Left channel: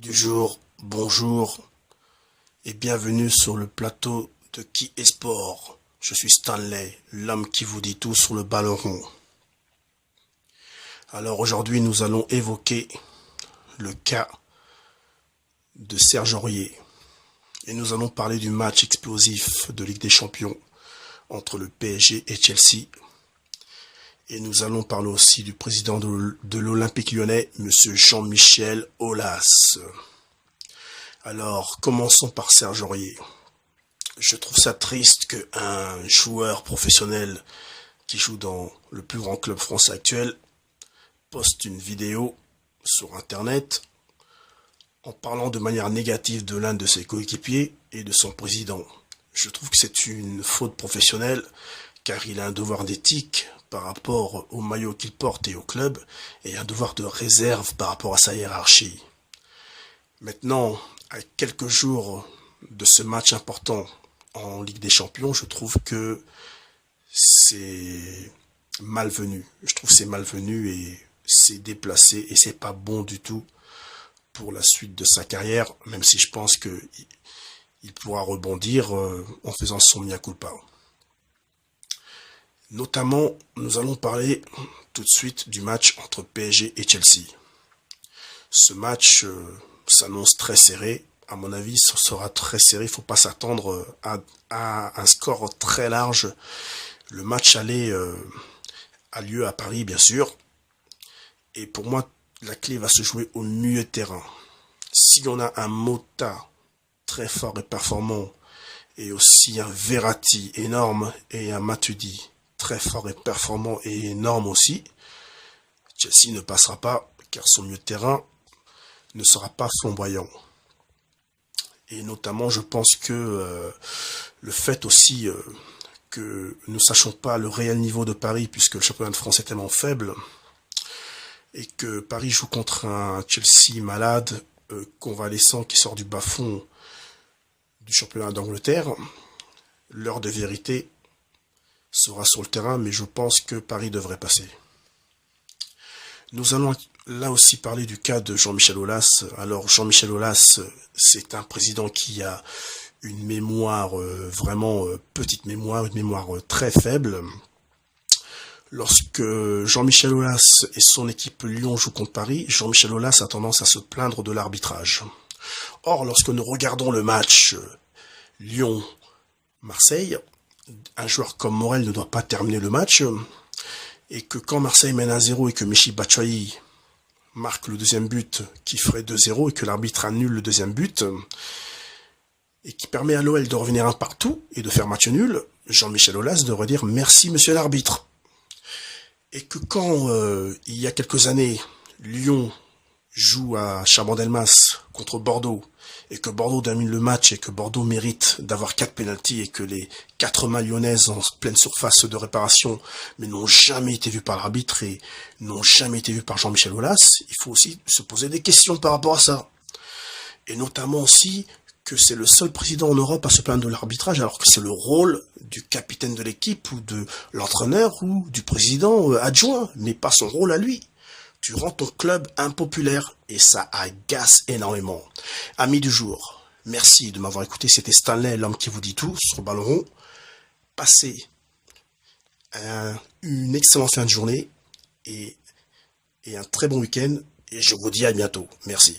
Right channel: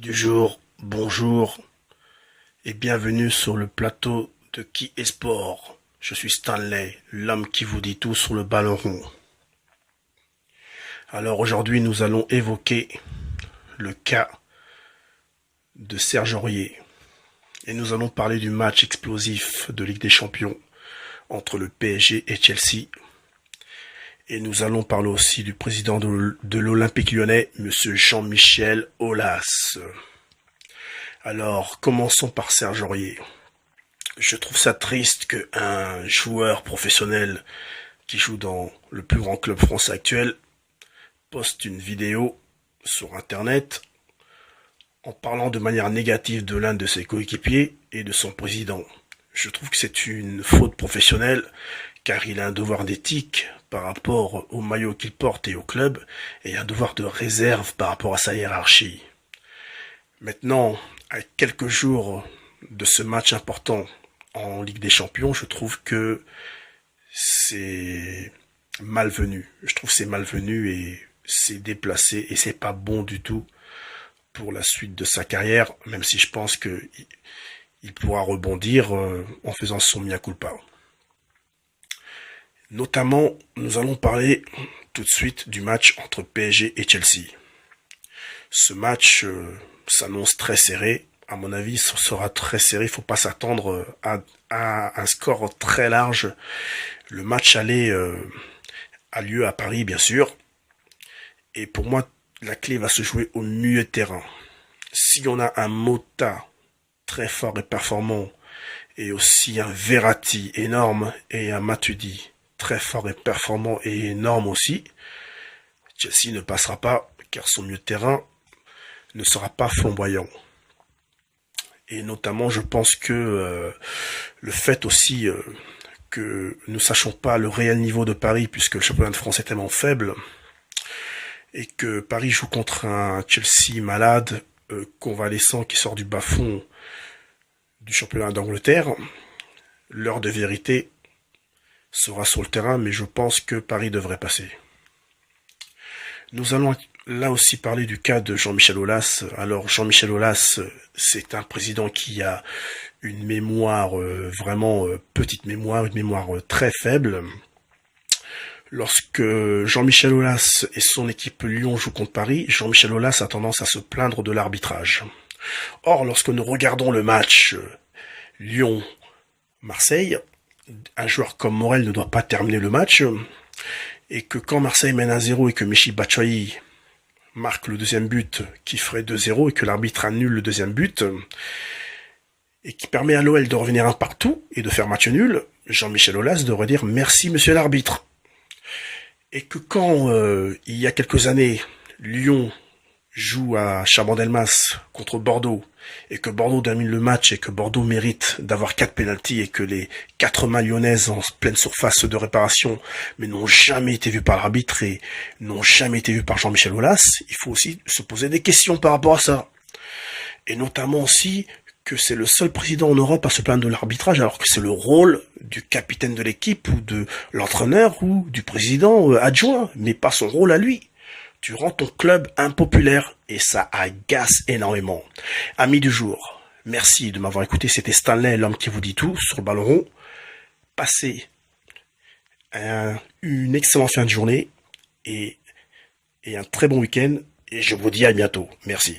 Du jour, bonjour et bienvenue sur le plateau de Qui est Sport. Je suis Stanley, l'homme qui vous dit tout sur le ballon rond. Alors aujourd'hui nous allons évoquer le cas de Serge Aurier et nous allons parler du match explosif de Ligue des Champions entre le PSG et Chelsea. Et nous allons parler aussi du président de l'Olympique Lyonnais, M. Jean-Michel Aulas. Alors, commençons par Serge Aurier. Je trouve ça triste qu'un joueur professionnel qui joue dans le plus grand club français actuel poste une vidéo sur Internet en parlant de manière négative de l'un de ses coéquipiers et de son président. Je trouve que c'est une faute professionnelle car il a un devoir d'éthique par rapport au maillot qu'il porte et au club et un devoir de réserve par rapport à sa hiérarchie. Maintenant, à quelques jours de ce match important en Ligue des Champions, je trouve que c'est malvenu. Je trouve que c'est malvenu et c'est déplacé et c'est pas bon du tout pour la suite de sa carrière, même si je pense qu'il pourra rebondir en faisant son mea culpa. Notamment, nous allons parler tout de suite du match entre PSG et Chelsea. Ce match s'annonce très serré. À mon avis, ce sera très serré. Il ne faut pas s'attendre à un score très large. Le match aller a lieu à Paris, bien sûr. Et pour moi, la clé va se jouer au milieu de terrain. Si on a un Mota très fort et performant, et aussi un Verratti énorme, et un Matuidi très fort et performant et énorme aussi, Chelsea ne passera pas, car son milieu de terrain ne sera pas flamboyant. Et notamment, je pense que le fait aussi que nous ne sachions pas le réel niveau de Paris, puisque le championnat de France est tellement faible, et que Paris joue contre un Chelsea malade, convalescent, qui sort du bas-fond du championnat d'Angleterre, l'heure de vérité sera sur le terrain, mais je pense que Paris devrait passer. Nous allons là aussi parler du cas de Jean-Michel Aulas. Alors Jean-Michel Aulas, c'est un président qui a une mémoire vraiment petite mémoire, une mémoire très faible. Lorsque Jean-Michel Aulas et son équipe Lyon jouent contre Paris, Jean-Michel Aulas a tendance à se plaindre de l'arbitrage. Or, lorsque nous regardons le match Lyon-Marseille, un joueur comme Morel ne doit pas terminer le match, et que quand Marseille mène 1-0 et que Michy Batshuayi marque le deuxième but qui ferait 2-0 et que l'arbitre annule le deuxième but et qui permet à l'OL de revenir un partout et de faire match nul, Jean-Michel Aulas devrait dire merci monsieur l'arbitre. Et que quand il y a quelques années Lyon joue à Chabandelmas contre Bordeaux et que Bordeaux domine le match et que Bordeaux mérite d'avoir 4 pénaltys et que les 4 mains lyonnaises en pleine surface de réparation mais n'ont jamais été vues par l'arbitre et n'ont jamais été vues par Jean-Michel Aulas, il faut aussi se poser des questions par rapport à ça. Et notamment aussi que c'est le seul président en Europe à se plaindre de l'arbitrage alors que c'est le rôle du capitaine de l'équipe ou de l'entraîneur ou du président adjoint, mais pas son rôle à lui. Tu rends ton club impopulaire et ça agace énormément. Amis du jour, merci de m'avoir écouté. C'était Stanley, l'homme qui vous dit tout sur le ballon rond. Passez une excellente fin de journée et un très bon week-end. Et je vous dis à bientôt. Merci.